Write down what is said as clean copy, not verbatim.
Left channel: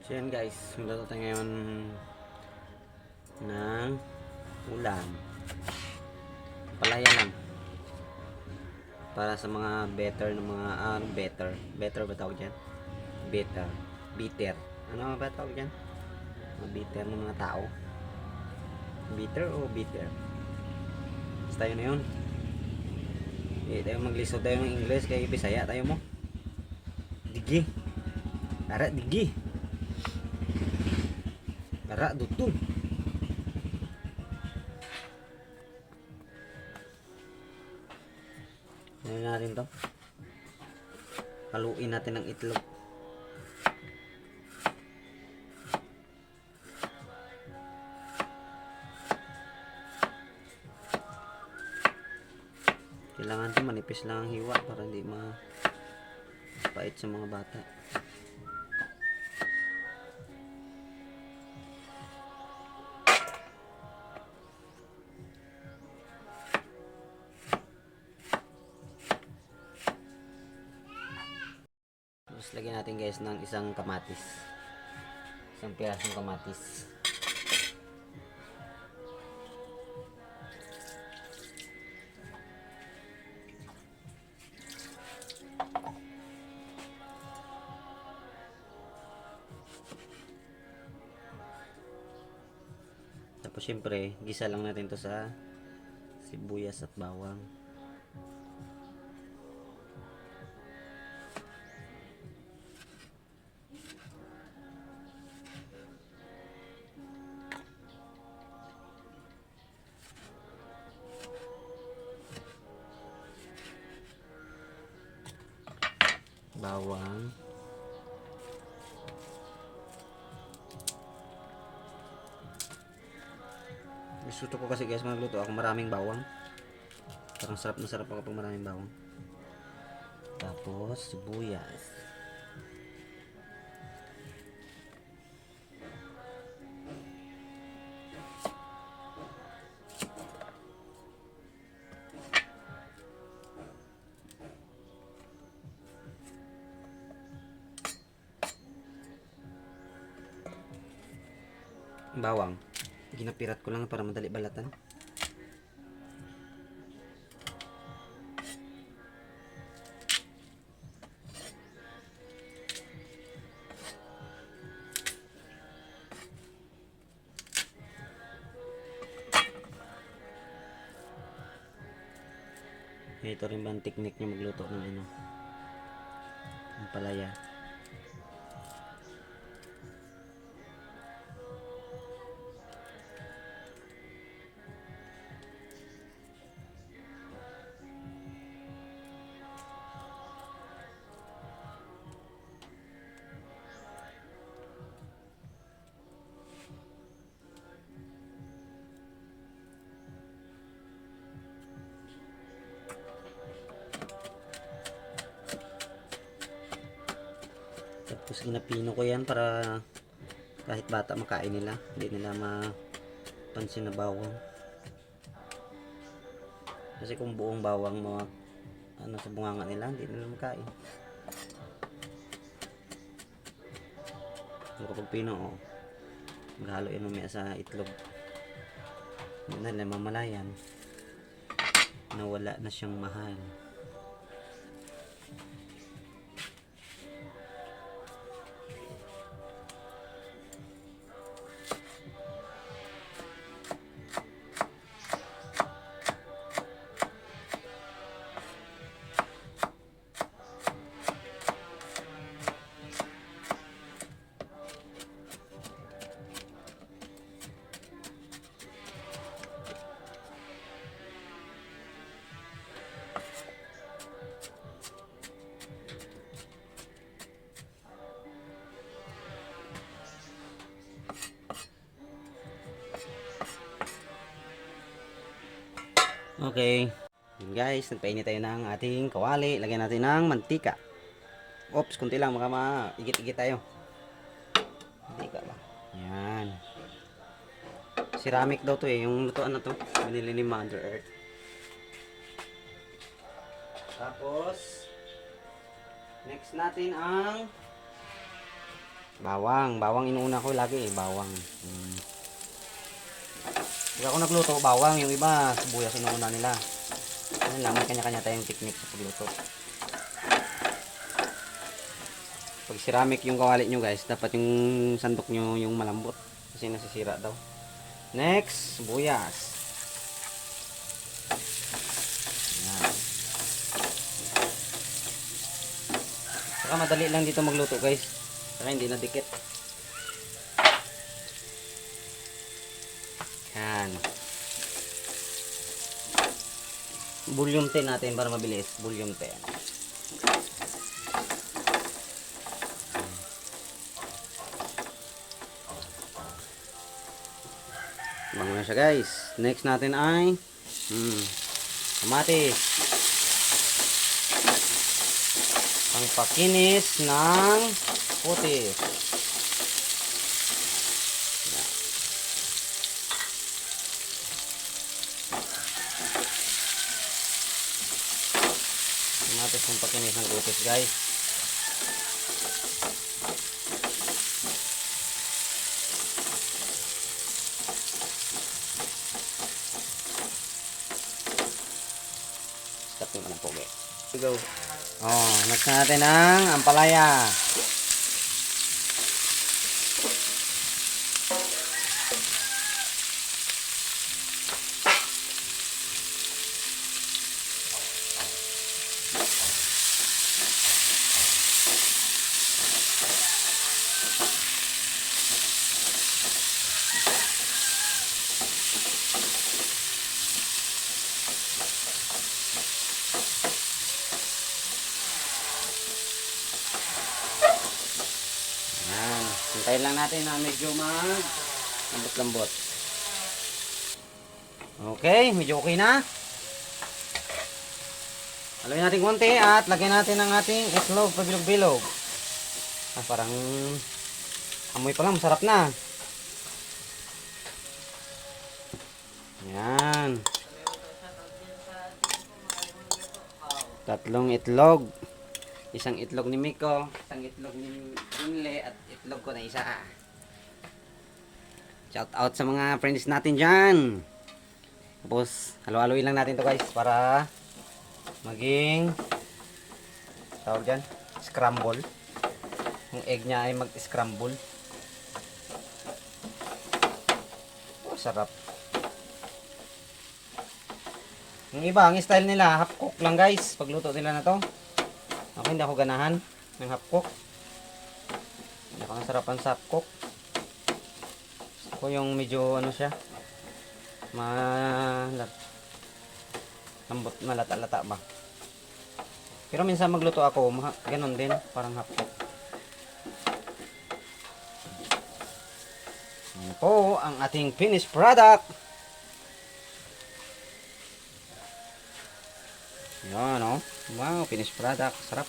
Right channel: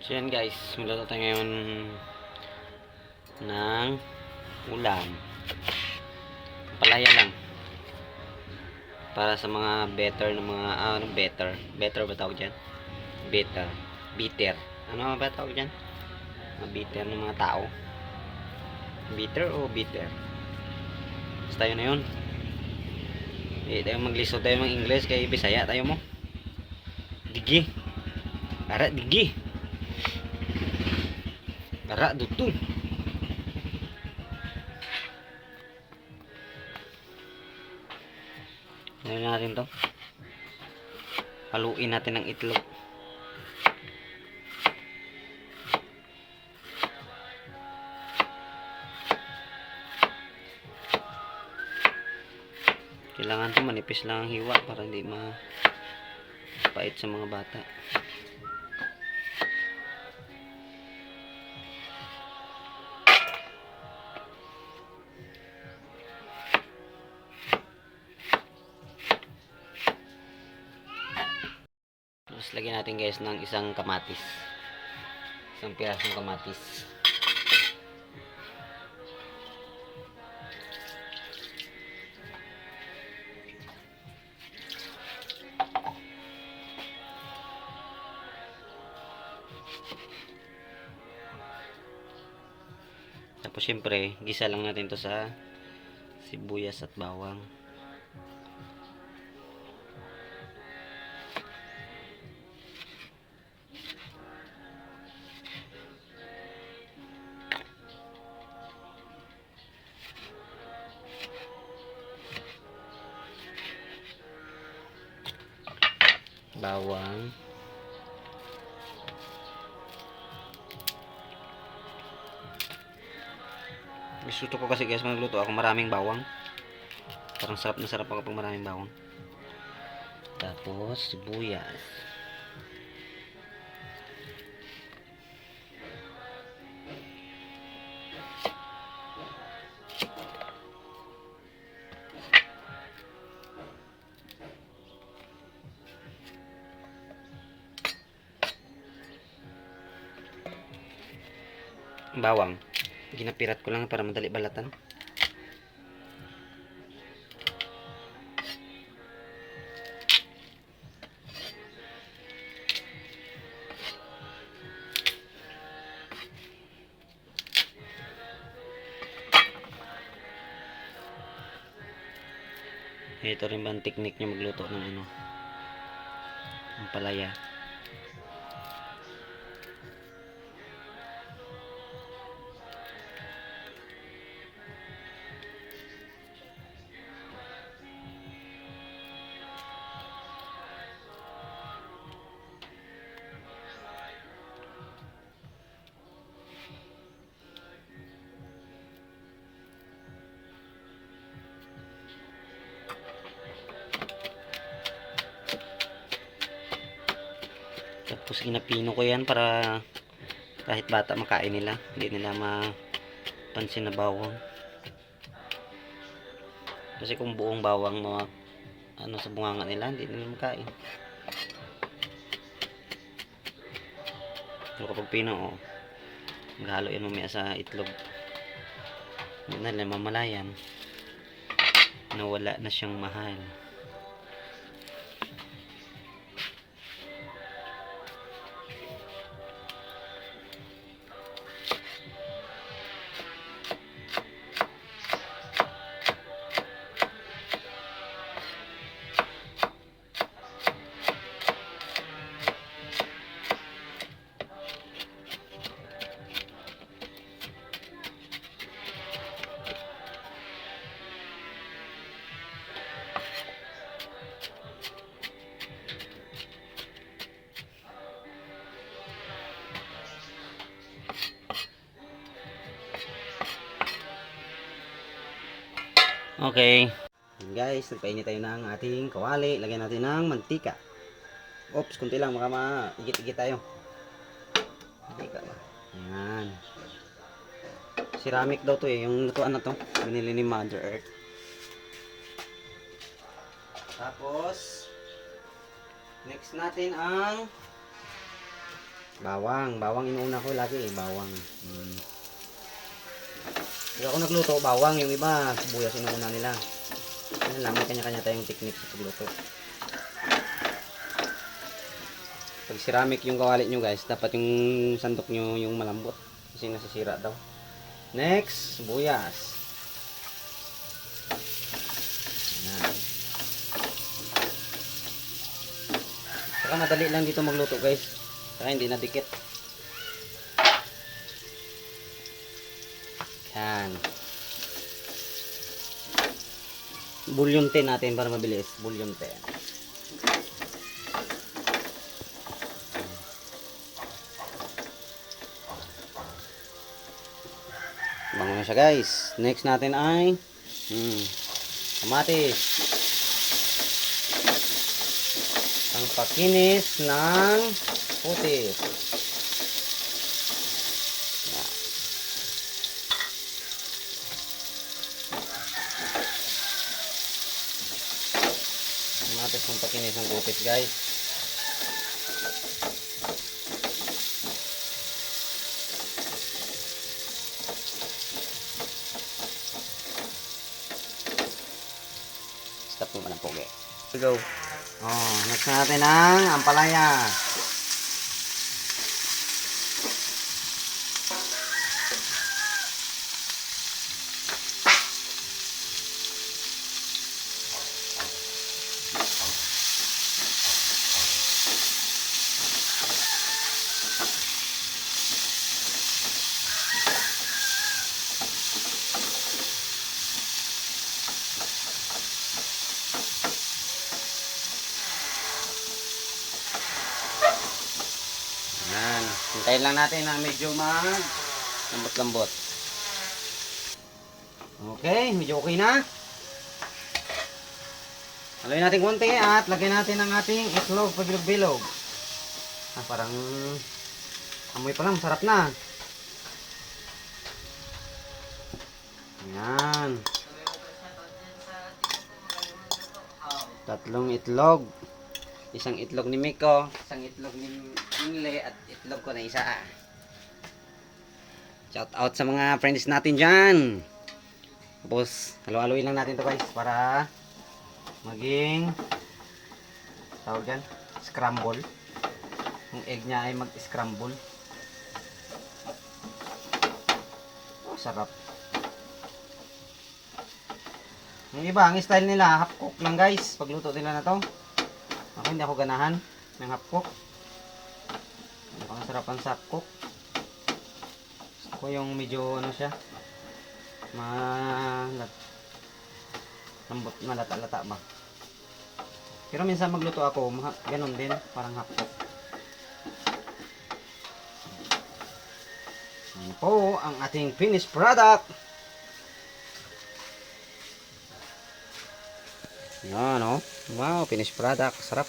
So yan guys, magluto tayo ngayon ng ulam. Palaya lang. Para sa mga better na mga, better? Better ba tawag dyan? Better. Bitter. Ano ba tawag dyan? Mga bitter ng mga tao. Bitter o bitter? Basta yun na yun. Tayo maglisod tayo ng English kay Bisaya tayo mo. Digi. Ara, digi. Ara, dutong. Ngayon natin to. Haluin natin ng itlog. Kailangan to manipis lang ang hiwa para hindi mapait sa mga bata. Tapos lagyan natin guys ng isang kamatis. Isang pirasong kamatis. Tapos syempre, gisa lang natin to sa sibuyas at bawang. Bawang. Gusto ko kasi guys magluto ako maraming bawang. Parang sarap na sarap ako pag maraming bawang. Tapos sibuyas. Bawang. Ginapirat ko lang para madali balatan. Ito rin ba ang technique niya magluto ng ng palaya. Tapos ginapino ko yan para kahit bata makain nila, hindi nila mapansin na bawang. Kasi kung buong bawang sa bunganga nila, hindi nila makain. Pero kapag pino, maghalo yan mamaya sa itlog, hindi na nila mamalayan na wala na siyang mahal. Okay. Guys, nagpainit tayo ng ating kawali. Lagyan natin ng mantika. Oops, kunti lang. Baka maigit-igit tayo. Mantika. Yan. Ceramic daw to eh. Yung lutuan na to. Binili ni Mother Earth. Tapos, next natin ang Bawang inuuna ko lagi eh, bawang. Pag ako nagluto, bawang, yung iba, sibuyas inuuna nila. Yun lang, may kanya-kanya tayong technique sa pagluto. Pag ceramic yung kawali nyo guys, dapat yung sandok nyo yung malambot. Kasi nasisira daw. Next, sibuyas. Ayan. Saka madali lang dito magluto guys. Saka hindi nadikit. Yan. Volume 10 natin para mabilis. Volume 10. Bango na siya guys. Next natin ay kamatis. Pangpakinis ng putis. Kamatis ng pakinis ng putis guys. Stop mo ng pogi. Go. Oh, next natin ang ampalaya. Yan. Hintayin lang natin na medyo lambot-lambot. Okay, medyo okay na. Haluin natin konti at lagyan natin ang ating itlog pabilog-bilog. Parang amoy pa lang, sarap na. Yan. 3 itlog. Isang itlog ni Miko, isang itlog ni Ingle, at itlog ko na isa. Shout out sa mga friends natin dyan. Tapos, halo-haloin lang natin to guys para maging tawag dyan, scramble. Yung egg niya ay mag-scramble. Oh, sarap. Yung iba, ang style nila, half cook lang guys. Pagluto nila na to. Ako hindi ako ganahan ng half cook. Hindi ako nasarapan sa half cook. Ako yung medyo ano siya, lambot na lata-lata ba. Pero minsan magluto ako, ganun din, parang half cook. Ano po ang ating finished product. Yan o. Wow, finished product. Sarap.